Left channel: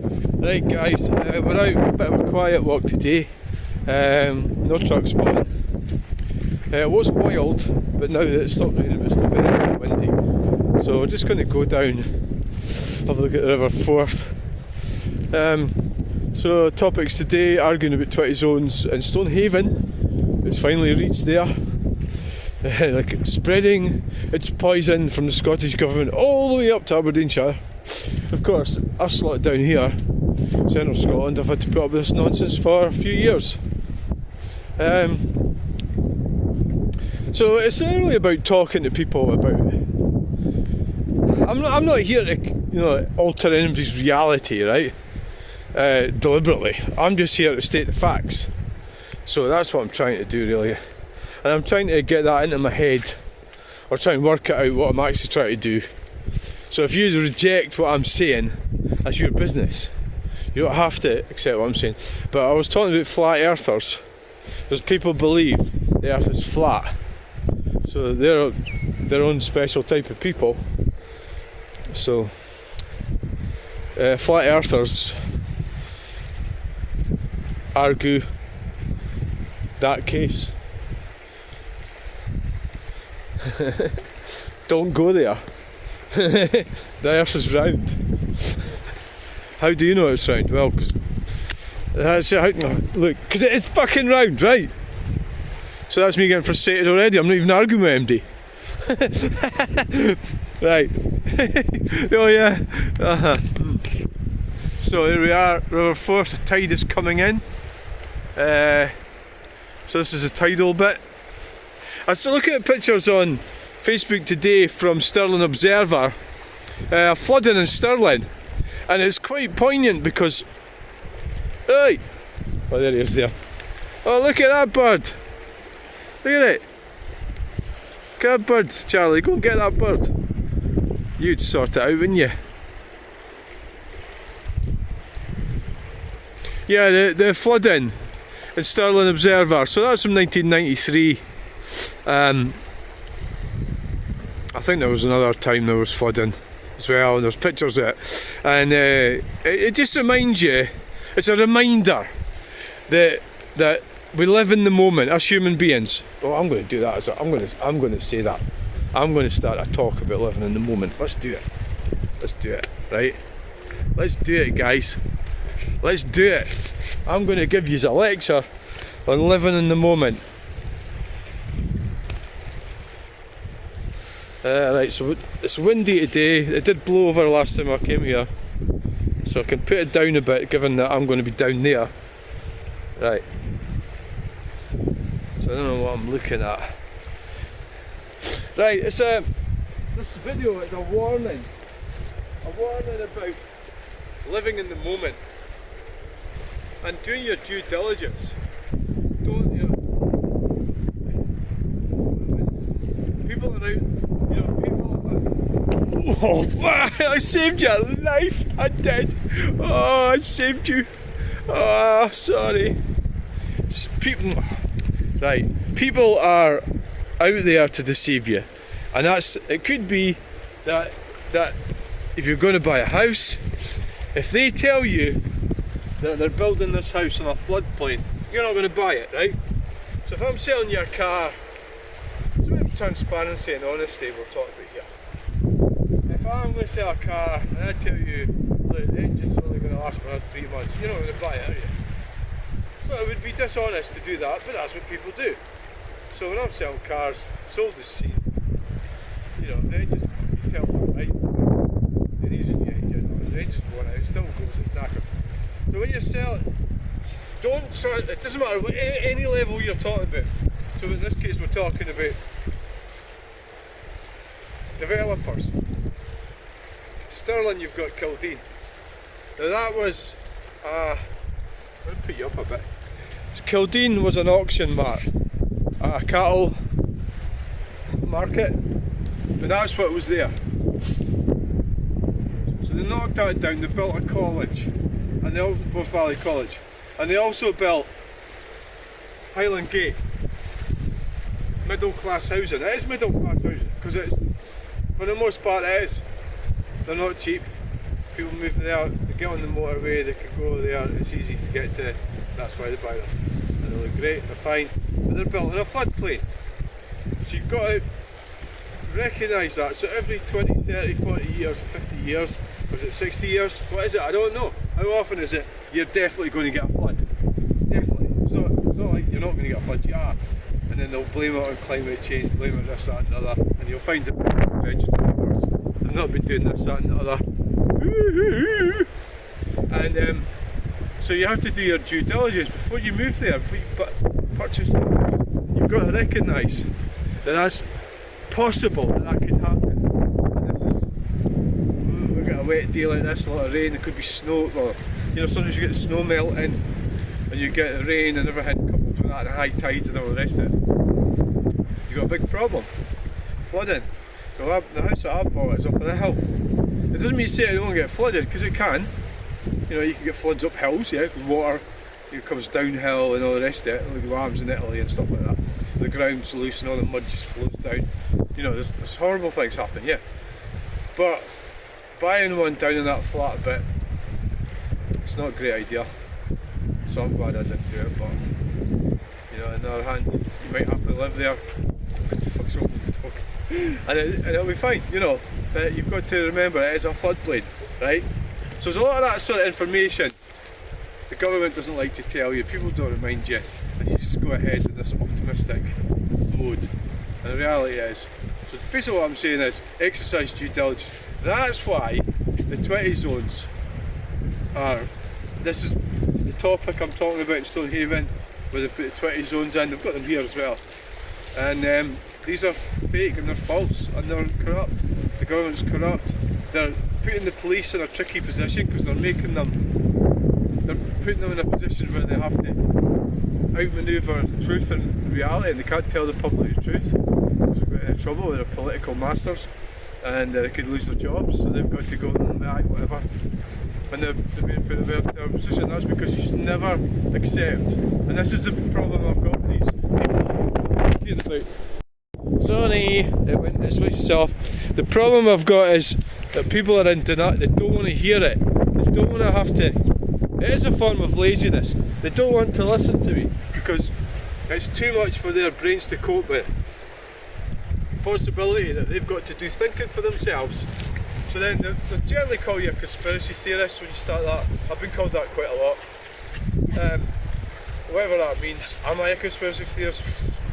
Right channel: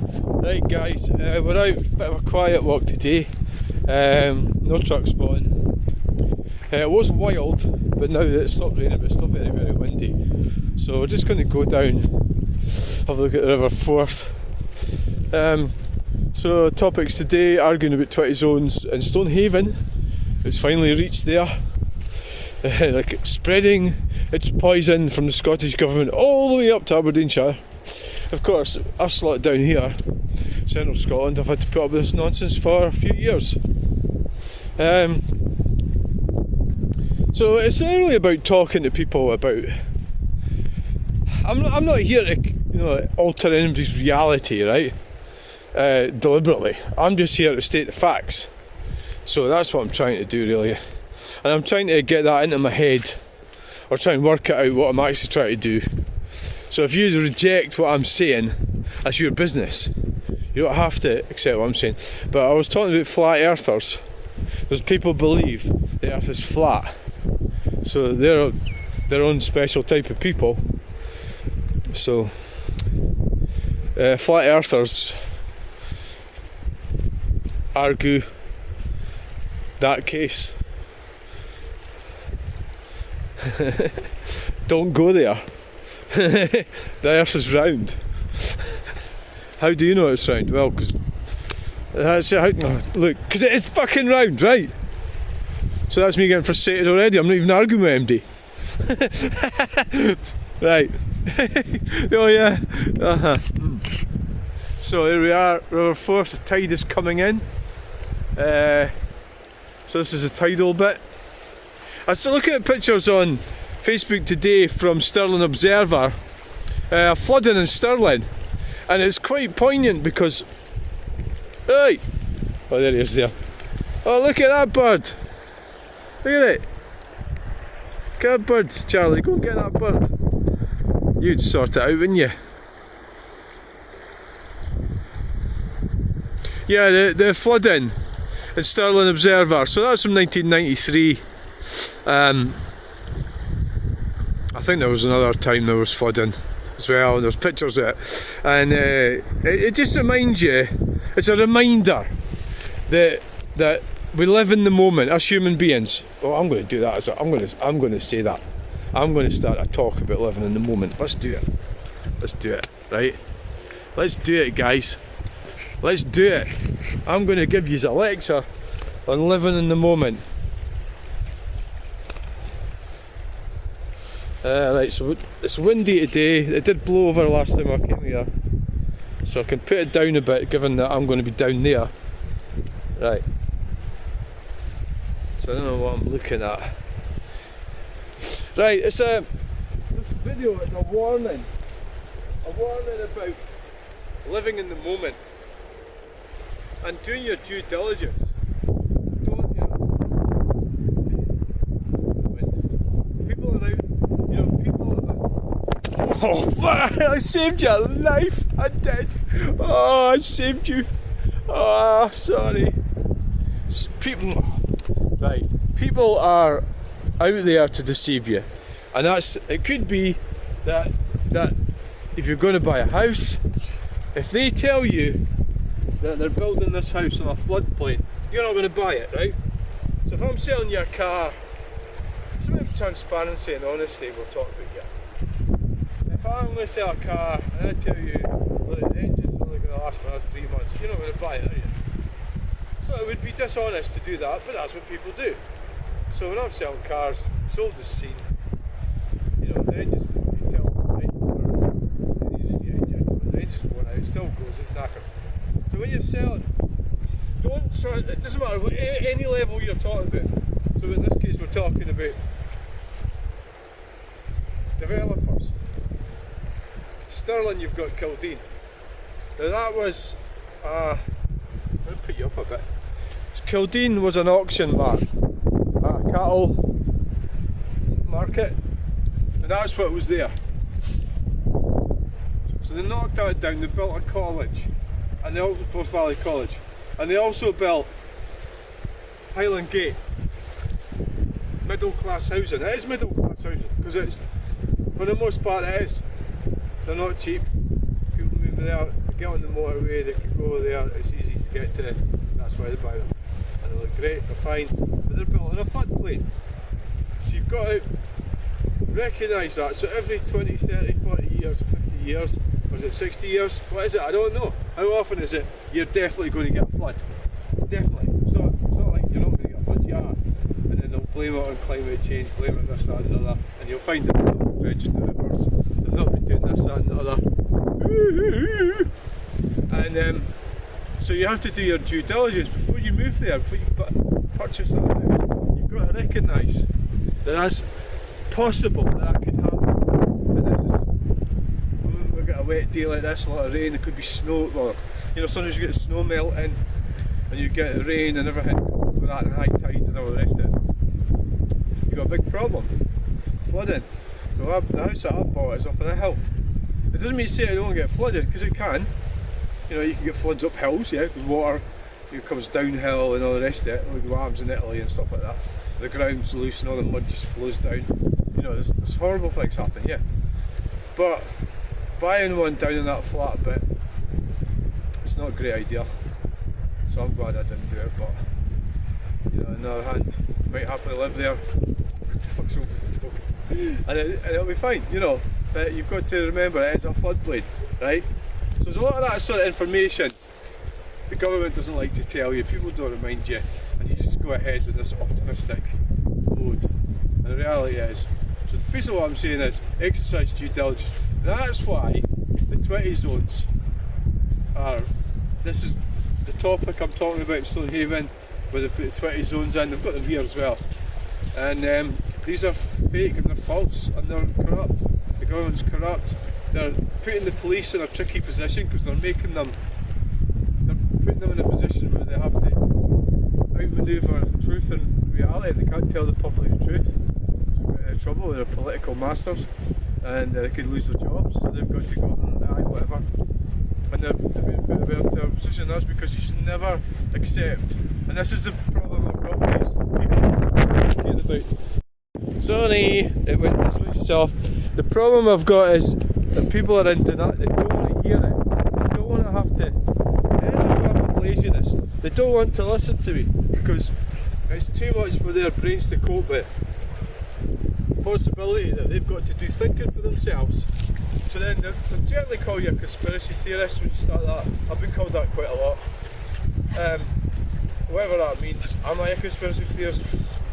Right guys, we're out, a bit of a quiet walk today, no truck spotting. It was wild, but now that it's stopped raining it's still very, very windy. So we're just going to go down, have a look at the River Forth. So topics today, arguing about 20 zones in Stonehaven. It's finally reached there. Like spreading its poison from the Scottish Government all the way up to Aberdeenshire. Of course, us lot down here, central Scotland, have had to put up with this nonsense for a few years. So it's not really about talking to people about. I'm not here to alter anybody's reality, right? Deliberately. I'm just here to state the facts. So that's what I'm trying to do, really. And I'm trying to get that into my head, or try and work it out what I'm actually trying to do. So if you reject what I'm saying, that's your business. You don't have to accept what I'm saying. But I was talking about flat earthers. Because people believe the earth is flat. So they're their own special type of people. So flat earthers argue that case. Don't go there. The earth is round. How do you know it's round? Well, because look, because it is fucking round, right? So that's me getting frustrated already. I'm not even arguing with MD. Right. Oh yeah. So there we are, River Forth. The tide is coming in. So this is a tidal bit. I was looking at pictures on Facebook today from Stirling Observer, flooding in Stirling, and it's quite poignant because, hey, oh there he is there. Oh look at that bird. Look at it. Look at that bird, Charlie. Go and get that bird. You'd sort it out, wouldn't you? Yeah, the flooding in Stirling Observer. So that's from 1993. I think there was another time there was flooding as well, and there's pictures of it. And it just reminds you, it's a reminder that we live in the moment as human beings. Oh, I'm going to do that. I'm going to say that. I'm going to start a talk about living in the moment. Let's do it. Let's do it, right? Let's do it, guys. Let's do it. I'm going to give you a lecture on living in the moment. Right, so it's windy today. It did blow over last time I came here, so I can put it down a bit given that I'm going to be down there. Right, so I don't know what I'm looking at. Right, it's this video is a warning about living in the moment and doing your due diligence. Don't, people are out, oh, I saved your life, I did. Oh, I saved you. Oh, sorry. People are out there to deceive you, and it could be that if you're going to buy a house, if they tell you that they're building this house on a floodplain, you're not going to buy it, right? So if I'm selling you a car, it's about transparency and honesty we're talking about here. If I'm going to sell a car and I tell you, look, the engine's only going to last for another 3 months, you're not going to buy it, are you? So it would be dishonest to do that, but that's what people do. So when I'm selling cars, sold as seen, the engine's fucking tell them, right? It isn't the engine, the engine's worn out, it still goes, it's knackered. So when you're selling, don't try, it doesn't matter what any level you're talking about. So in this case we're talking about developers. Stirling, you've got Kildine. Now that was, I'm going to put you up a bit. So Kildine was an auction mart at a cattle market, but that's what was there. So they knocked that down, they built a college, and they also Forth Valley College, and they also built Highland Gate. Middle class housing. It is middle class housing because it's, for the most part, it is. They're not cheap. People move there, they get on the motorway, they can go there, it's easy to get to, that's why they buy them. And they look great, they're fine, but they're built in a floodplain. So you've got to recognise that. So every 20, 30, 40 years, 50 years, or is it 60 years? What is it? I don't know. How often is it you're definitely going to get a flood? Definitely. It's not like you're not going to get a flood, you are. And then they'll blame it on climate change, blame it this, that and the other, and you'll find it registered numbers. They've not been doing this, that and the other. And so you have to do your due diligence before you move there, before you purchase a house. You've got to recognise that that's possible, that could happen. And this is, we've got a wet day like this, a lot of rain, there could be snow. Well, you know, sometimes you get the snow melting and you get the rain and everything coupled with that and high tide and all the rest of it. You've got a big problem, flooding. So the house that I bought is up on a hill. It doesn't mean to say it won't get flooded, because it can. You know, you can get floods up hills, yeah, because water comes downhill and all the rest of it, like what happens in Italy and stuff like that. The ground's loose and all the mud just flows down. You know, there's horrible things happen, yeah. But buying one down in that flat bit, it's not a great idea. So I'm glad I didn't do it, but you know, on the other hand, you might happily live there. What the fuck's wrong with the dog? And it'll be fine, you know. But you've got to remember it is a floodplain, right? So there's a lot of that sort of information the government doesn't like to tell you, people don't remind you, and you just go ahead with this optimistic mode. And the reality is, so basically what I'm saying is, exercise due diligence. That's why the 20 zones are, this is the topic I'm talking about in Stonehaven, where they put the 20 zones in. They've got them here as well. And these are fake and they're false and they're corrupt. The government's corrupt. They're putting the police in a tricky position because they're putting them in a position where they have to outmaneuver truth and reality, and they can't tell the public the truth because they're getting in trouble with their political masters, and they could lose their jobs, so they've got to go, whatever. And they're being put in a position. That's because you should never accept, and this is the problem I've got with these people. Sorry, it went to switch itself. The problem I've got is that people are in denial, they don't want to hear it, they don't want to have to. It is a form of laziness. They don't want to listen to me because it's too much for their brains to cope with. Possibility that they've got to do thinking for themselves. So then they'll generally call you a conspiracy theorist when you start that. I've been called that quite a lot. Whatever that means. Am I a conspiracy theorist?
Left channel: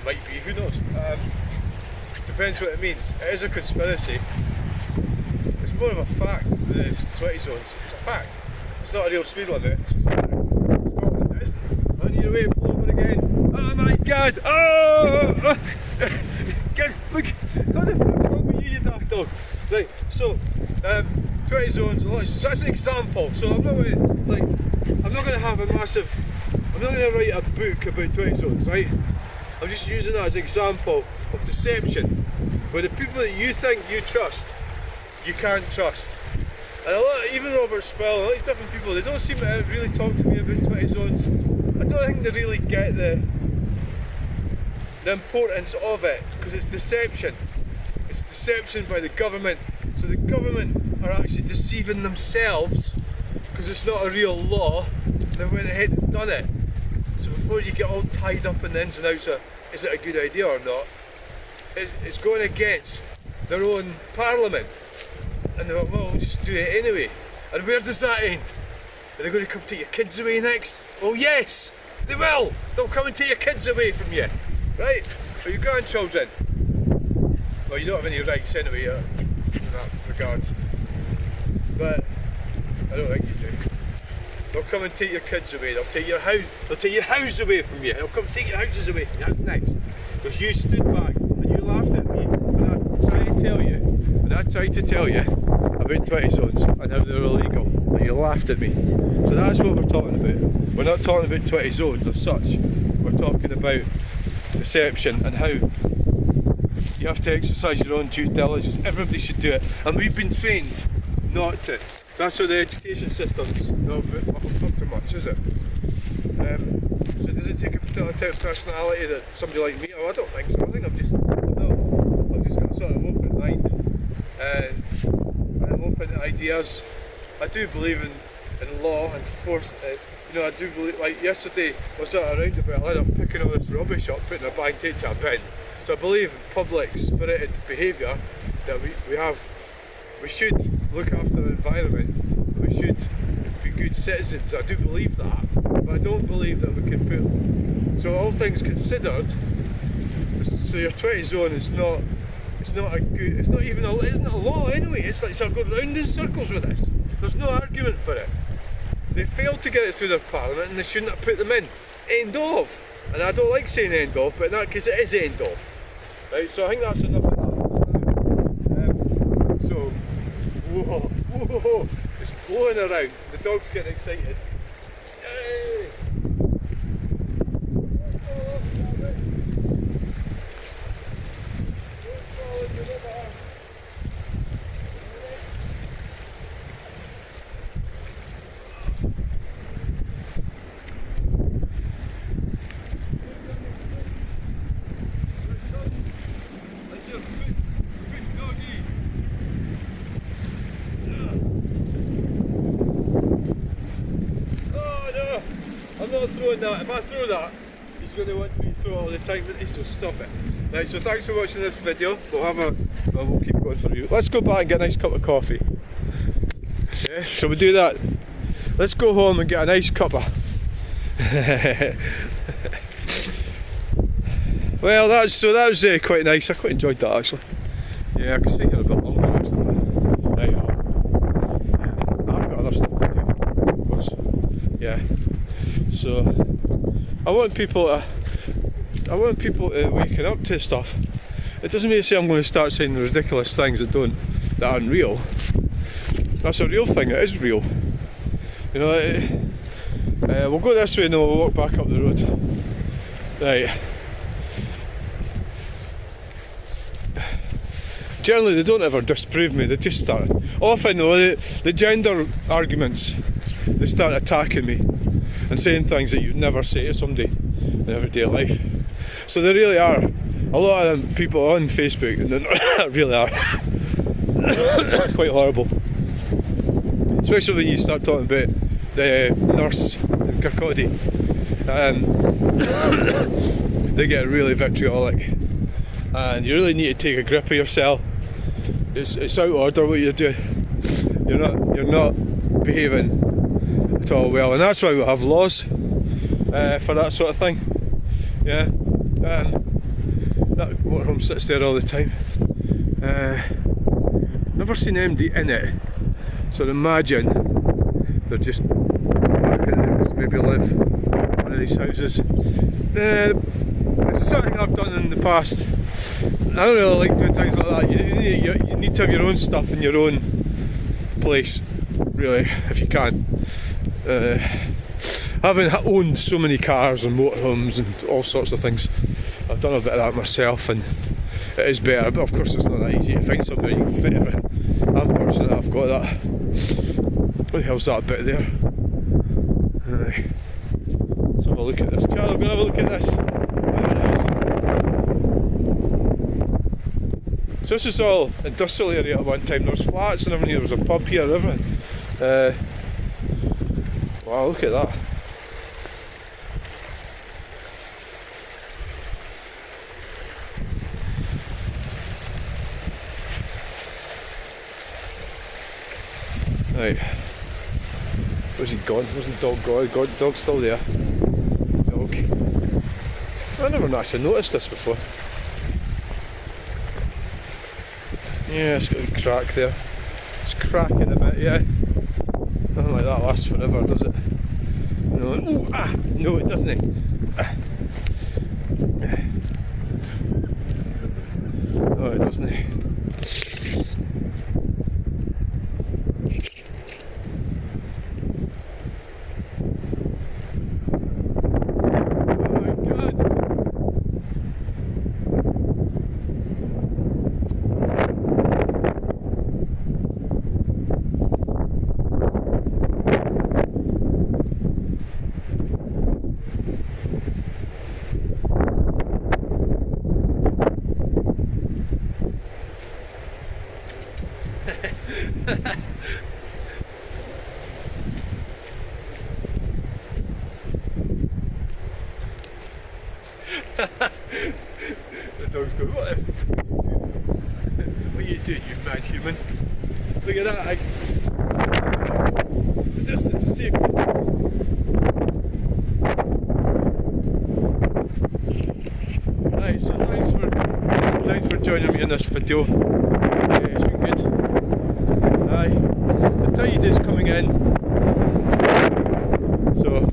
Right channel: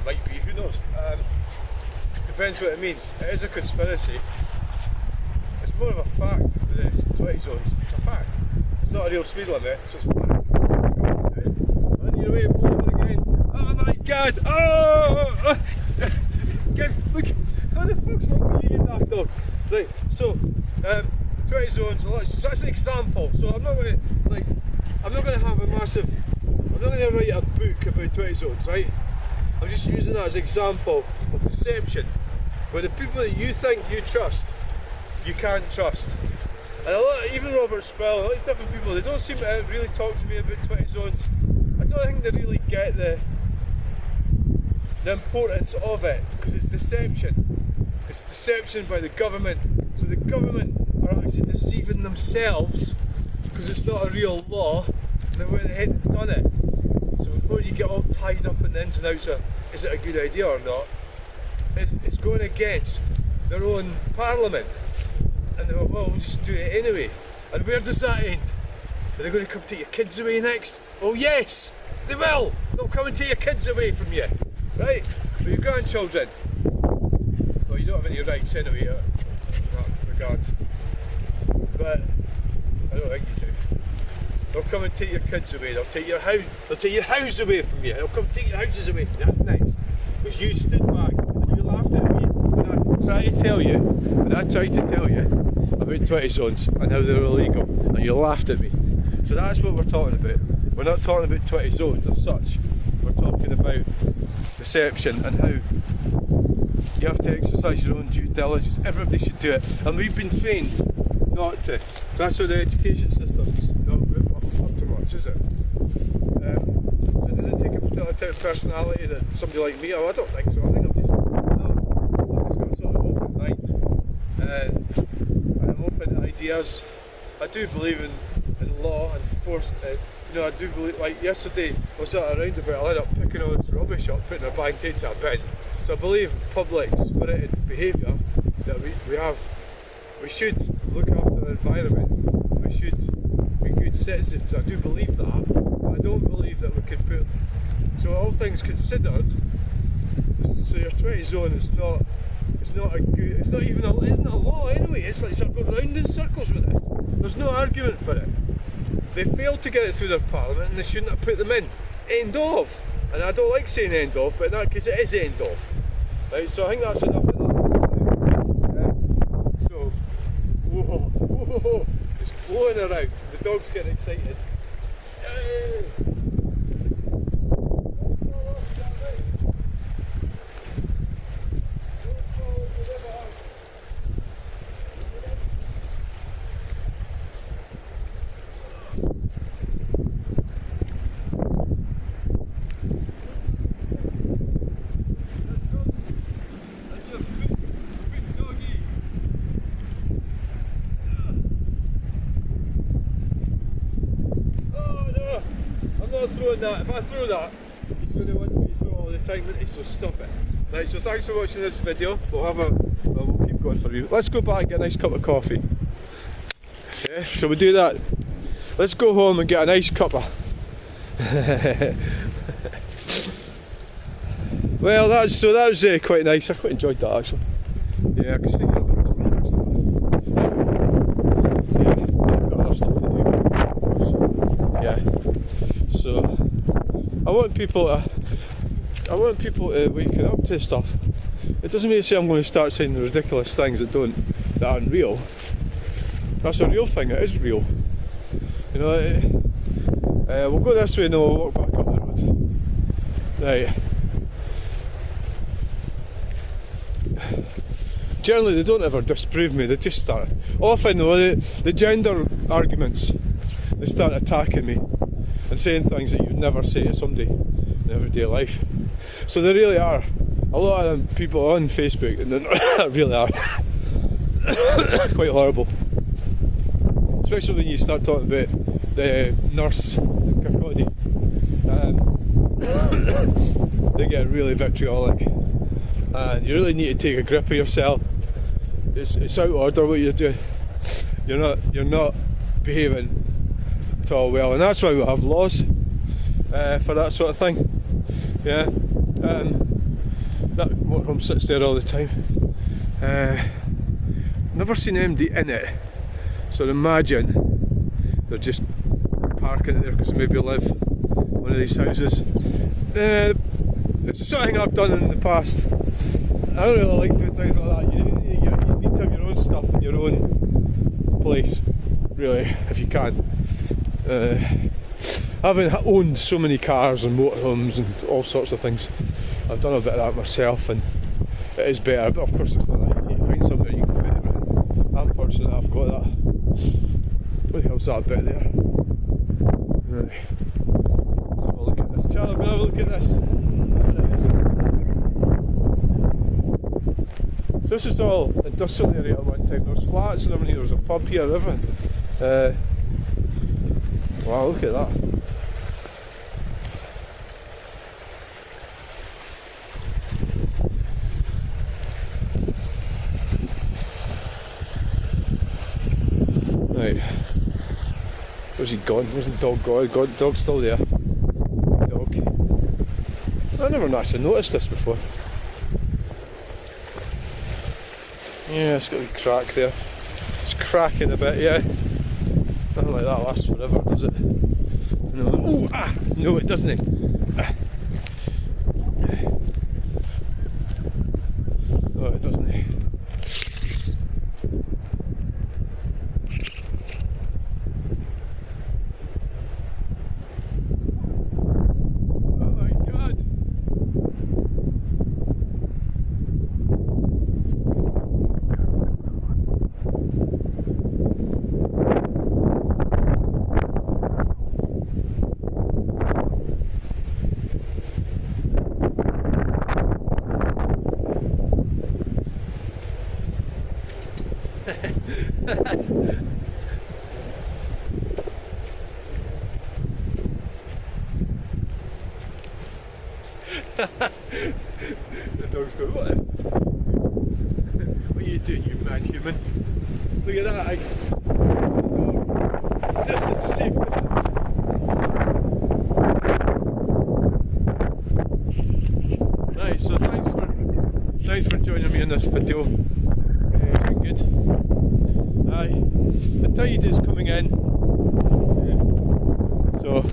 Might be, who knows. Depends what it means. It is a conspiracy. It's more of a fact with the 20 zones. It's a fact. It's not a real speed limit, so it's a fact. Scotland isn't. On your way to pull over again. Oh my god! Oh! Look! What the fuck's wrong with you daft dog? Right, so 20 zones, so that's an example. So I'm not going to have a massive, I'm not going to write a book about 20 zones, right? I'm just using that as an example of deception. Where the people that you think you trust, you can't trust. And a lot, even Robert Spell, a lot of these different people, they don't seem to really talk to me about 20 zones. I don't think they really get the importance of it, because it's deception. It's deception by the government. So the government are actually deceiving themselves because it's not a real law, and they went ahead and done it. So before you get all tied up in the ins and outs of is it a good idea or not, it's going against their own parliament. And they're like, well, we'll just do it anyway. And where does that end? Are they going to come take your kids away next? Oh yes, they will! They'll come and take your kids away from you, right? Or your grandchildren. Well, you don't have any rights anyway in that regard. But I don't think you do. They'll come and take your kids away, they'll take your house away from you, they'll come take your houses away from you, that's next. Because you stood back and you laughed at me when I tried to tell you about 20 zones and how they were illegal, and you laughed at me. So that's what we're talking about. We're not talking about 20 zones as such, we're talking about deception and how you have to exercise your own due diligence. Everybody should do it, and we've been trained not to. That's how the education system's not up to much, is it? So does it take a particular type of personality that somebody like me? Oh, I don't think so. I think I've just got a sort of open mind, and I'm open to ideas. I do believe in in law and force. I do believe, like yesterday, I was at a roundabout, I ended up picking all this rubbish up, putting a bag into a bin. So I believe in public spirited behaviour, that we should look after the environment, we should be good citizens. I do believe that, but I don't believe that we can put, so all things considered, so your 20 zone is not, it's not even isn't a law anyway. It's like, so I go round in circles with this. There's no argument for it. They failed to get it through their parliament and they shouldn't have put them in. End of. And I don't like saying end of, but in that case it is end of. Right, so I think that's enough of that. So, whoa, it's blowing around. The dog's getting excited. Yay! I'm not throwing that. If I throw that, he's going to want me to throw it all the time, won't he? So stop it. Right, so thanks for watching this video. We'll keep going for you. Let's go back and get a nice cup of coffee. Yeah, shall we do that? Let's go home and get a nice cuppa. Well, that was quite nice. I quite enjoyed that actually. Yeah, I could stay here a bit longer actually. Right. Yeah, I've got other stuff to do, of course. Yeah. So I want people to waken up to stuff. It doesn't mean to say I'm going to start saying the ridiculous things that aren't real. That's a real thing. It is real. We'll go this way and then we'll walk back up the road. Right. Generally, they don't ever disprove me. They just start. Often, though, the gender arguments, they start attacking me and saying things that you'd never say to somebody in everyday life. So there really are a lot of them people on Facebook, and they really are quite horrible. Especially when you start talking about the nurse in Kirkcaldy. They get really vitriolic, and you really need to take a grip of yourself. It's out of order what you're doing. You're not behaving at all well, and that's why we have laws for that sort of thing. Yeah, that motorhome sits there all the time. Never seen anybody in it, so imagine they're just parking there because maybe live in one of these houses. It's something I've done in the past. I don't really like doing things like that. You need to have your own stuff in your own place, really, if you can. Having owned so many cars and motorhomes and all sorts of things, I've done a bit of that myself, and it is better, but of course it's not that easy to find somebody who can fit everything. I'm fortunate I've got that. What the hell's that bit there? Let's have a look at this. Charlie, we're going to have a look at this. There it is. So this is all industrial area at one time. There was flats and everything. There was a pub here and everything. Wow, look at that. Right. Was he gone? Wasn't dog gone? Dog's still there. Dog. I never actually noticed this before. Yeah, it's got a crack there. It's cracking a bit, yeah. Nothing like that lasts forever, does it? No. Ooh, no, it doesn't. No, it doesn't. The dog's going, what the f*** what are you doing, you mad human? Look at that, distance is safe distance. Right, so thanks for joining me in this video. It's been good. Aye, the tide is coming in, so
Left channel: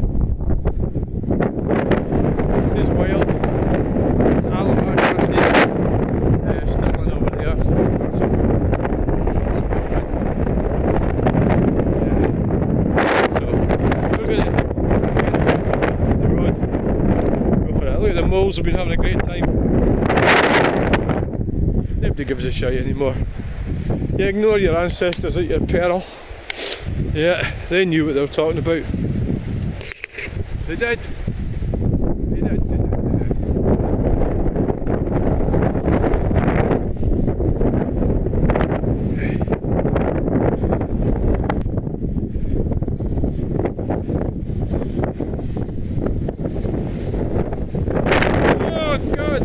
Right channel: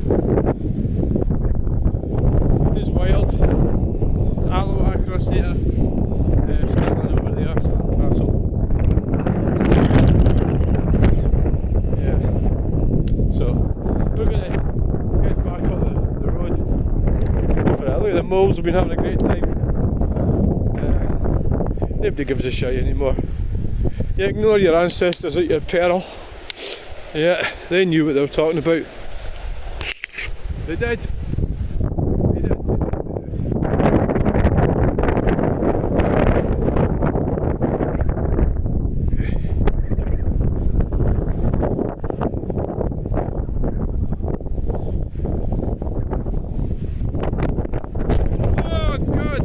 it is wild. There's aloe across there, Stirling over there, castle. Yeah, so we're gonna get back up the road. Go for it. Look at the moles, have been having a great time. Nobody gives a shit anymore. You ignore your ancestors at your peril. Yeah, they knew what they were talking about. They did. They did. Oh God!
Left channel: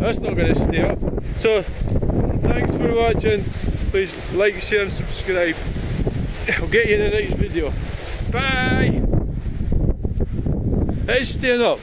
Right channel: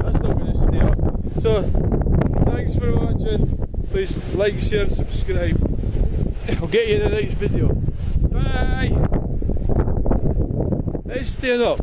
That's not going to stay up. So, thanks for watching. Please like, share and subscribe. I'll get you in the next video. Bye! It's staying up.